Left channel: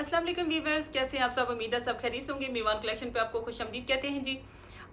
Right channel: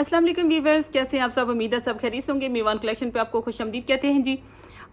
अस्सलाम वालेकुम व्यूवर्स, कैसे हैं आप सब। उम्मीद है सब खैरियत होंगे। मीवान कलेक्शन पे आपको खुशामदीद कहते हैं जी।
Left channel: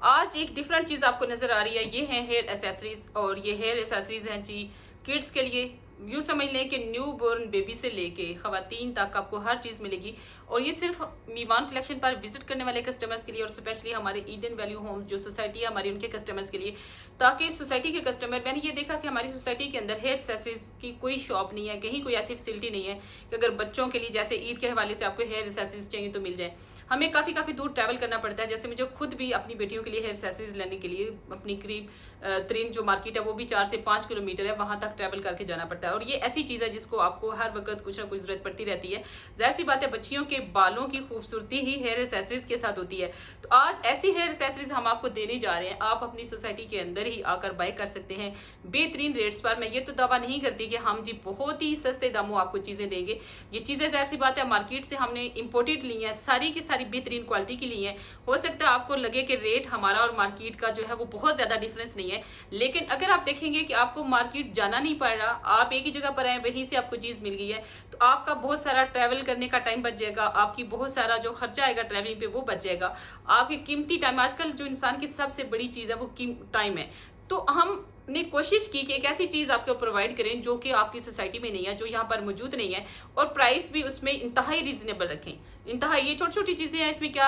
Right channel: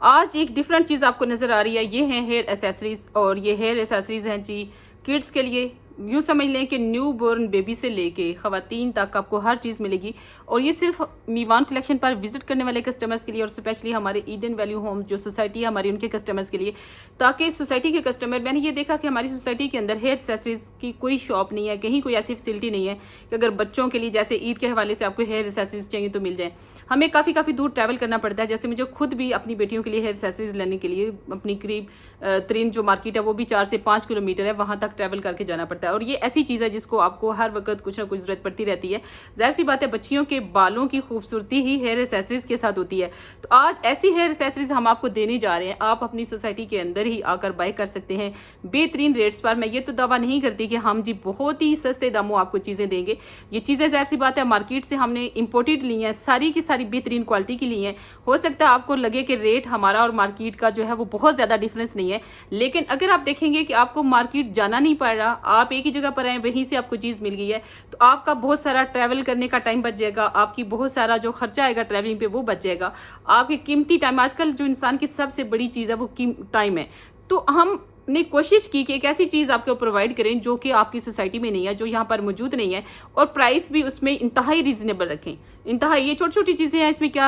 आज एक डिफरेंट चीज़ आपको नज़र आ रही है। ये हैं हेयर एसेसरीज और ये हेयर एसेसरीज हैं जी किड्स के लिए। यूँ समझ लें कि न्यू बोर्न बेबी से लेके ख़वातीन तक आपको हर चीज़ मिलेगी। और ये सिर्फ मीवान कलेक्शन पर विजिट करने वाले कस्टमर्स के लिए और स्पेशली हमारे ईडन वैल्यू होम जो सोसाइटी है हमारी, उनके कस्टमर्स के लिए, ताकि सोसाइटी के कस्टमर, मैंने ये देखा कि हमारी सोसाइटी के अंदर हेयर एसेसरीज की कोई शॉप नहीं है, कहीं कोई ऐसी फैसिलिटी नहीं है कि अगर बच्चों के लिए जैसे ईद के हवाले से आपको हेयर एसेसरीज चाहिए तो मिल जाए। हमें काफ़ी दूर ट्रैवल करना पड़ता है। जैसे मुझे खुद भी अपनी बेटियों के लिए हेयर एसेसरीज लेने के लिए अपनी करीब तरीन जो मार्केट है वो भी 4 से 5 किलोमीटर है, वहां तक ट्रैवल करके जाना पड़ता है। और ये ऐसी चीज़ है जिसको आपको हर वक्त कुछ ना कुछ जरूरत पड़ती रहती है। जाहिर सी बात है, बच्चियों के बालों की खूबसूरती ही हेयर एसेसरीज के साथ होती है। तो आज ऐसी हेयर एसेसरीज हम आपको देने जा रहे हैं। आप अपनी सोसाइटी के अंदर ही आकर बाय कर सकते हैं बेहतरीन रेट्स पर। मैं ये तो दावा नहीं करती कि हम जी बहुत ही सस्ते दामों आपको चीज़ें देंगे। ये चीज़ें जाहिर सी बात है मार्केट से हमने इम्पोर्टेड ली हैं, सारी की सारी बेहतरीन क्वालिटी की ली हैं। हो सकता है आपको लगे कि रेट हमारा और मार्केट का जो है वो बहुत ज़्यादा डिफरेंस नहीं है, लेकिन अगर आप देखेंगे कि आपको मार्केट जाना नहीं पड़ रहा, आप एक ही जगह पर हैं, वहीं से आपको चीज़ मिल गई है, तो आपका बहुत सारा ट्रैवल करने का टाइम बच जाएगा, आपकी बहुत सारा जो खर्चा आएगा ट्रैवलिंग पे वो बच जाएगा। आपकी कीमती टाइम, आजकल जो इंसान की सबसे बड़ी चीज़ है वो टाइम है। तो हमने कोशिश की कि एक ऐसी चीज़ आपको प्रोवाइड करें जो कि आपकी सोसाइटी में नहीं है, जो यहाँ पर मौजूद नहीं है, और प्राइस भी उसमें इंतहाई रीजनेबल रखें। इंतहाई, ये छोटी छोटी चीज़ें हैं, इसमें क्या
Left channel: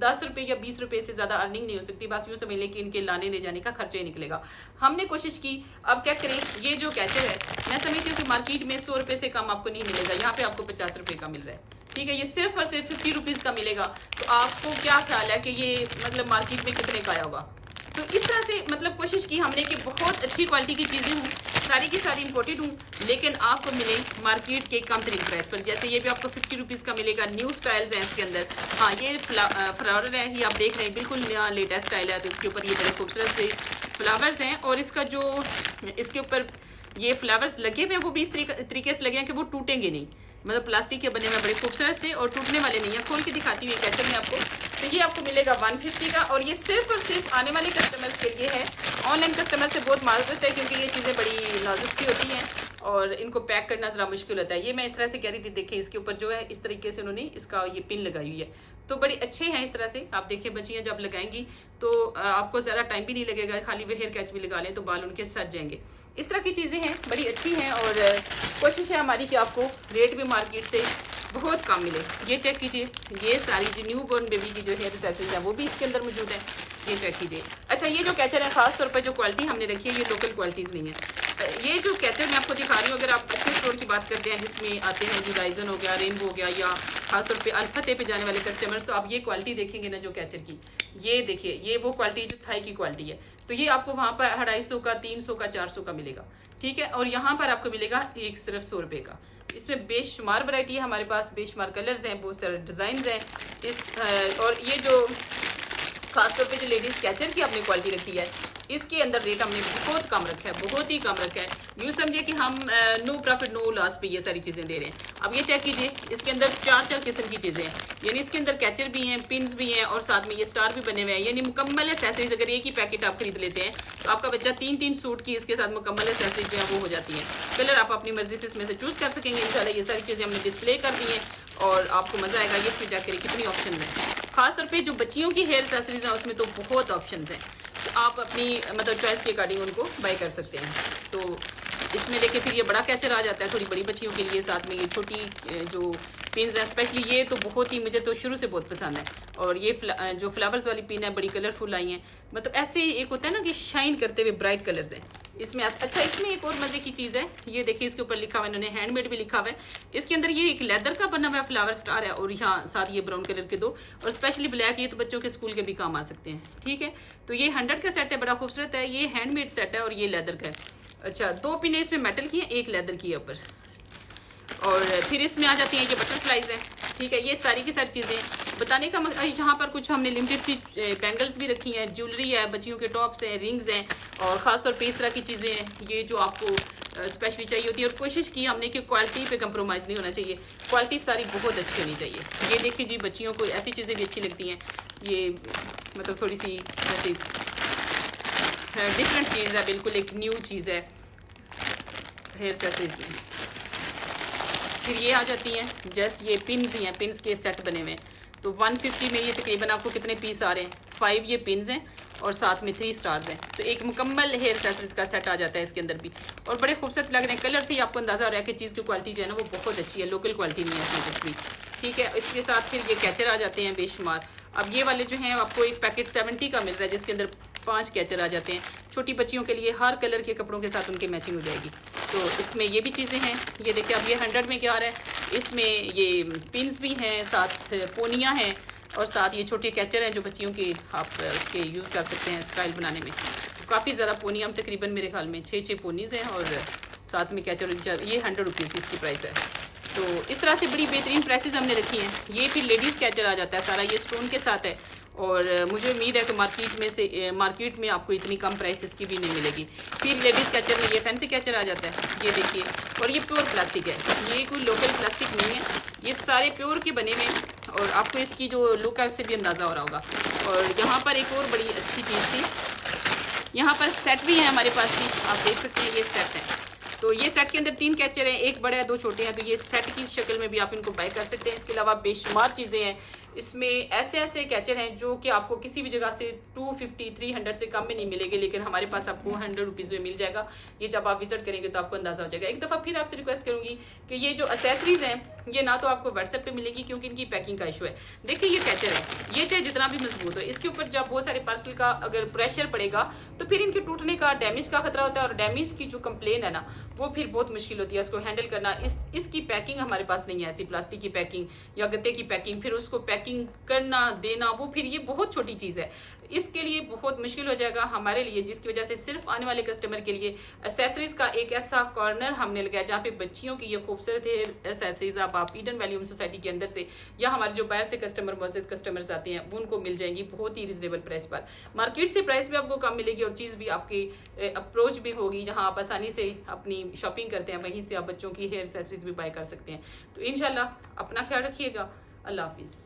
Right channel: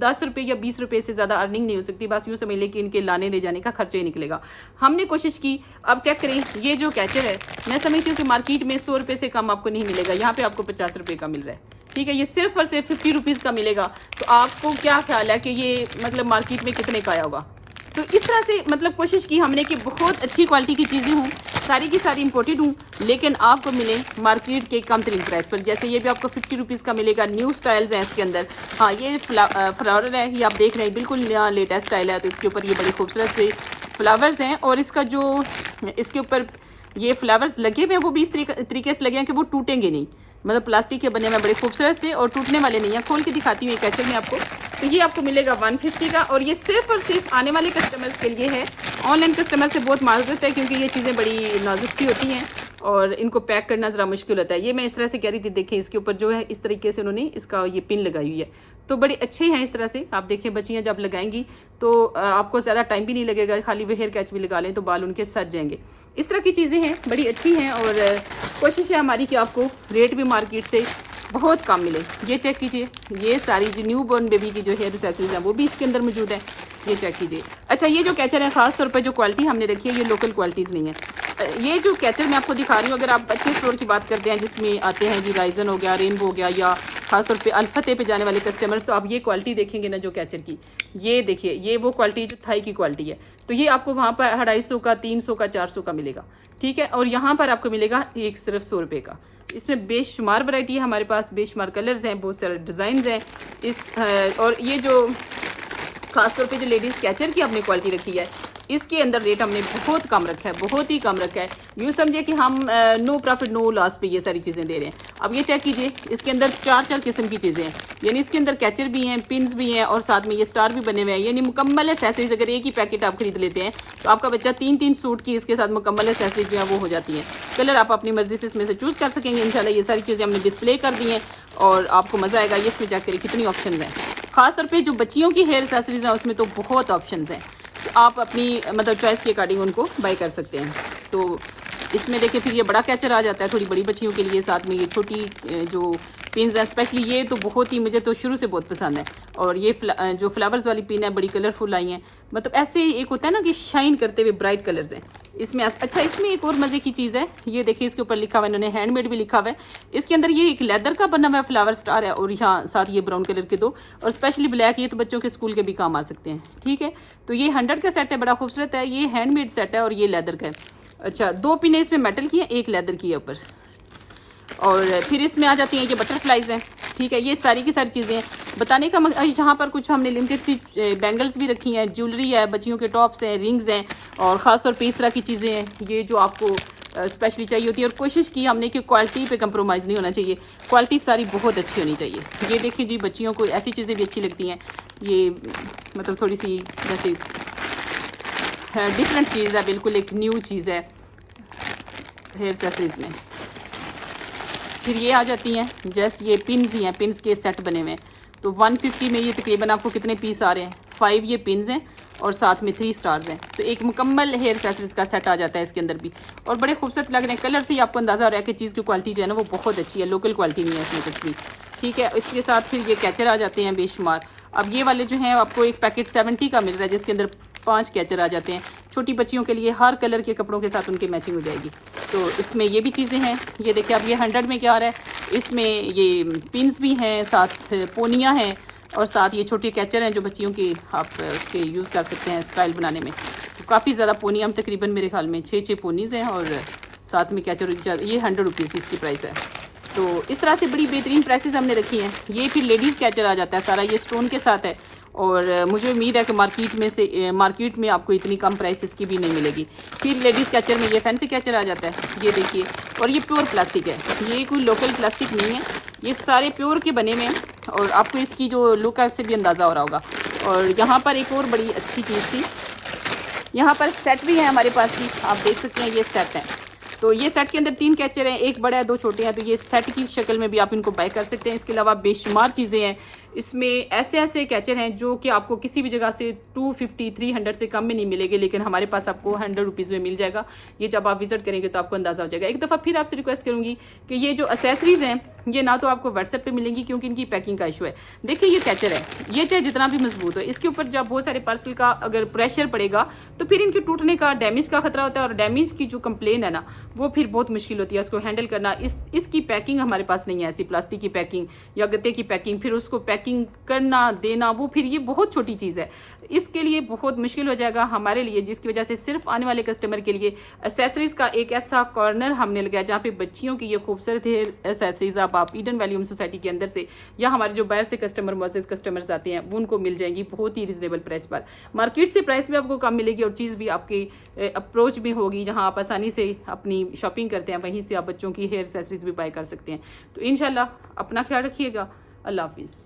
10 रुपये या 20 रुपये से ज़्यादा अर्निंग नहीं हो सकती। बस यूँ समझ लें कि इनके लाने ले जाने का खर्चा ही निकलेगा। हमने कोशिश की। अब चेक करें, ये जो कैचर है, मैं समझती हूँ कि मार्केट में 100 रुपये से कम आपको नहीं मिलेगा, यहाँ पे आपको 50 रुपये का मिल रहा है। ठीक है, ये सिर्फ और सिर्फ 50 रुपीज़ का मिलेगा। तो आपको क्या ख्याल है कि ये मतलब मार्केट में कितने का आया होगा। तो इस तरह से मतलब कोशिश की हमने कि बहुत अच्छी क्वालिटी की चीज़ें हों, सारी की सारी इंपोर्टेड हूँ, लेकिन आपको मिले मार्केट के कम तरीन प्राइस पर। जैसे ये भी आपको 50 रुपीज़ का मिलेगा। न्यू स्टाइल्स हैं इसके अंदर। हाँ, ये फ्लावर है, ये आप देख रहे हैं, बिल्कुल नया लेटेस्ट स्टाइल है। तो इसके ऊपर ये बड़े खूबसूरत से फ्लावर्स हैं, और इसका जो इसके ऊपर ये फ्लावर्स लगे हुए हैं वो भी इस तरीके से लगे हैं कि वो टूटेंगे नहीं। मतलब प्लास्टिक के बने हुए बड़े खूबसूरत से और टूटने वाले नहीं है। खोल के दिखाती हूँ कैसे मैं आपको। तो ये आपको मिलेगा 150 का, और ये सिर्फ और सिर्फ आने वाले कस्टमर्स के लिए है। ऑनलाइन कस्टमर से बहुत माजूद है, क्योंकि ये चीज़ें बड़ी नाजुक सी होती हैं और इनको पैक करना ज़रा मुश्किल होता है। ये मैं इस तरह से कह रही थी, देखें इसके ऊपर जो है इस तरीके से उन्होंने इसका ये पिन लगाई हुई है, तो बड़े अच्छे हैं इस तरह से। आप देखिए, बच्चियाँ जब लगाएंगी तो आपको ज़्यादा टाइम भी नहीं लगेगा, खाली वो हेयर कैच भी लगा लें तो बाल उनके सज जाएंगे। इस तरह की चीज़ें हैं, बड़ी अच्छी हैं, और कोशिश है हमारी कि आपको रेट भी मार्केट से बहुत कम मिले। ये चेक कीजिए, ये सारी जो न्यू बॉर्न बेबी की जो हेयर एक्सेसरीज है वो भी इसके अंदर मौजूद है। ये चेक कीजिए। अच्छा, ये जो कैचर है, खास तौर पे जो क्वालिटी हमने रखी है ये लोकल क्वालिटीज़ नहीं है। ये जो कैचर मैं आपको दिखा रही हूँ, अगर आप अच्छे स्टोर की बात करते हैं जिसमें आते हैं जी राइजन हो गया, रेनबो हो गया, या खासतौर पे अल्फते पे जाने वाले कस्टमर्स, तो आप ये क्वालिटी देखेंगे ना जो कैचर की, ये देखिए, ये वो क्वालिटी जो थाई की क्वालिटी है। तो ये आपको वहाँ पर 250 का, 300 का, 400 का मिलेगा। ठीक है, और यहाँ पर आपको मिलेगा एक सिर्फ 100 रुपये का। इसमें बेशुमार वैरायटी है हमारे पास, बेशुमार कलर्स हैं, बहुत सारे डिज़ाइन हैं इस। और ये जो खासतौर पे जो लेडीज़ कैचर की हमने क्वालिटी रखी है, इसके अंदर रेट हमने बहुत कम रखा है, बहुत ही कम रखा है। यूँ समझिए कि हम नो प्रॉफिट नो लॉस पे ये सारी चीज़ें दे रहे हैं। अब ये चेक कीजिए, इसके अंदर 4 किस्म की चीज़ें हैं, यानी इसके अंदर कैचर भी हैं, पिन्स भी हैं, और साथ में ये स्टार भी बने हुए हैं, यानी मुकम्मल एसेसरीज। अगर एक ही पैकेट आप खरीद लेते हैं तो आपका बच्चा 3-3 सूट की इसके साथ मुकम्मल एसेसरीज जो है वो हो जाती है। कलर आप अपनी मर्जी से इसमें से चूज़ कर सकेंगे। इंशाल्लाह ये सारी चीज़ें हमने डिस्प्ले कर दी हैं और आपको मज़ा आएगा। ये इसमें जाकर कितनी ऑप्शन है, खासतौर पर जो बच्चियों की हेयर एसेसरीज हैं उसमें तो बहुत ऑप्शन हैं। तो आप अपनी मतलब चॉइस के अकॉर्डिंग उनको बाय कर सकते हैं। तो इसमें देखिए, फिर ये बड़ा कैचर आ जाता है थोड़ी बड़ी बच्चियों के लिए, साथ में ये छोटी जो पिन्स है, स्पेशली ये तो बहुत ही, मुझे तो शुरू से बहुत पसंद है। और ये जो फ्लावर्स वाली पिन है बड़ी कलरफुल आई हैं, मतलब ऐसे एक होता है ना कि शाइन करते हुए ब्राइट कलर्स हैं इसमें। अच्छा, इसमें एक और मज़े की चीज़ है, ये देखिए इसके ऊपर लिखा हुआ है, इन्होंने हैंडमेड भी लिखा हुआ है। इसके अंदर ये एक लेदर का बना हुआ फ्लावर स्टार है, और यहाँ साथ ये ब्राउन कलर के दो, और स्पेशली ब्लैक, ये तो बच्चों के स्कूल के भी काम आ सकते हैं। ठीक है, तो ये 100 का सेट है, बड़ा खूबसूरत है। ये हैंडमेड सेट है और ये लेदर का है। अच्छा, 2 पिने इसमें मेटल की है, एक लेदर की है ऊपर, और फिर इसमें आ जाती हैं ये बटरफ्लाइज हैं। ठीक है, ये सारी की सारी चीज़ें बताने का यहाँ पर कुछ हमने लिमिटेड सी बैंगल्स भी रखी हैं, ज्वेलरी है, बच्चियों के टॉप्स हैं, रिंग्स हैं, और ख़ासतौर पे इस तरह की चीज़ें हैं ये जो आपको स्पेशली चाहिए होती है। और कोशिश की हमने कि क्वालिटी पे कंप्रोमाइज़ नहीं होना चाहिए, क्वालिटी सारी बहुत अच्छी होनी चाहिए। ये देखिए जी, बच्चियों को ऐसी चीज़ें भी अच्छी लगती हैं। ये मतलब थोड़ी सी जैसे डिफरेंट चीज़ है, बिल्कुल एक न्यू चीज़ है हेयर एक्सेसरीज में। फिर ये आ जाती हैं जस्ट ये पिन्स ही हैं, पिन्स के सेट बने हुए हैं। तो 150 में ये तकरीबन आपको कितने पीस आ रहे हैं, 5 ये पिन्स हैं और साथ में 3 स्टार्स हैं। तो एक मुकम्मल हेयर एक्सेसरीज का सेट आ जाता है इसके अंदर भी, और बड़े खूबसूरत लग रहे हैं। कलर से ही आपको अंदाज़ा हो रहा है कि चीज़ की क्वालिटी जो है ना वो बहुत अच्छी है, लोकल क्वालिटी नहीं है इसमें कुछ भी, ठीक है। इसके साथ फिर ये कैचर आ जाते हैं बेशुमार। अब ये वाले जो हैं आपको एक पैकेट 70 का मिल रहा है जिसके अंदर 5 कैचर आ जाते हैं। छोटी बच्चियों के लिए हर कलर के कपड़ों के साथ उनके मैचिंग हो जाएगी। तो इसमें ये भी चीज़ें हैं। ये देखिए अब ये 100 में क्या आ रहा है, इसमें ये पिन्स भी हैं, साथ पोनियाँ हैं और साथ ये छोटे कैचर हैं जो बच्चियों के आप इसके यूज़ कर सकते हैं स्टाइल बनाने में। तो काफ़ी ज़्यादा पोनियाँ, तकरीबन मेरे ख्याल में 6 पोनीज़ हैं और साथ में कैचर। ये 100 रुपीज़ इसकी प्राइस है। तो इस तरह से बड़ी बेहतरीन प्राइसेस हमने रखी हैं। ये फिर लेडीज़ कैचर आ जाता है सारा, ये स्टोन के साथ है और मुझे उम्मीद है कि मार्केट में आपको इतनी कम प्राइस इसकी भी नहीं मिलेगी। फिर लेडीज़ कैचर में ये फैंसी कैचर आ जाता है, ये देखिए, और ये प्योर प्लास्टिक है, ये कोई लोकल प्लास्टिक नहीं है, ये सारे प्योर के बने हुए हैं और आपको इसकी जो लुक है उससे भी अंदाज़ा हो रहा होगा। और यहाँ पर एक और बड़ी अच्छी चीज़ थी, यहाँ पर सेट भी है हमारे पास भी, आप देख सकते हैं ये सेट है। तो ये सेट के अंदर 3 कैचर हैं, एक बड़ा है 2 छोटे हैं। तो ये सेट की शक्ल में भी आप इनको बाय कर सकते हैं। इसके अलावा बेशुमार चीज़ें हैं इसमें, ऐसे कैचर हैं जो कि आपको किसी भी जगह से 250 300 से कम में नहीं मिलेंगे, लेकिन हमारे पास आपको 100 रुपीज़ में मिल जाएगा। ये जब आप विजिट करेंगे तो आपको अंदाज़ा हो जाएगा। एक दफ़ा फिर आपसे रिक्वेस्ट करूँगी कि ये जो एक्सेसरीज़ हैं ये ना तो आपको व्हाट्सएप पे मिलेंगी क्योंकि इनकी पैकिंग का इशू है। देखिए ये कैचर है, ये चाहे जितना भी मजबूत हो, इसके ऊपर जब बहुत सारे पार्सल का अगर प्रेशर पड़ेगा तो फिर इनके टूटने का, डैमेज का खतरा होता है। और डैमेज की जो कंप्लेन है ना वो फिर बहुत मुश्किल होती है उसको हैंडल करना। इसकी पैकिंग हमारे पास नहीं है, ऐसी प्लास्टिक की पैकिंग या गत्ते की पैकिंग, फिर उसको पैकिंग करना देना, वो फिर ये बहुत छोटी चीज़ है, इसके लिए बहुत मुश्किल हो जाएगा हमारे लिए, जिसकी वजह से सिर्फ आने वाले कस्टमर के लिए एक्सेसरीज का एक ऐसा कॉर्नर हमने लगाया जहाँ पे बच्चियों की ये खूबसूरत एक्सेसरीज आप ईडन वैली सोसाइटी के अंदर से या हमारे जो बाहर से कस्टमर्स आते हैं वो उनको मिल जाएंगी बहुत ही रिजनेबल प्राइस पर। मार्केट से प्राइस भी आपको कम मिलेगी और चीज़ भी आपकी अप्रोच भी होगी, जहाँ आप आसानी से अपनी शॉपिंग करते हैं वहीं से आप बच्चों की हेयर एक्सेसरीज भी बाय कर सकते हैं। तो इंशाल्लाह अपना ख्याल रखिएगा। अल्लाह हाफिज़।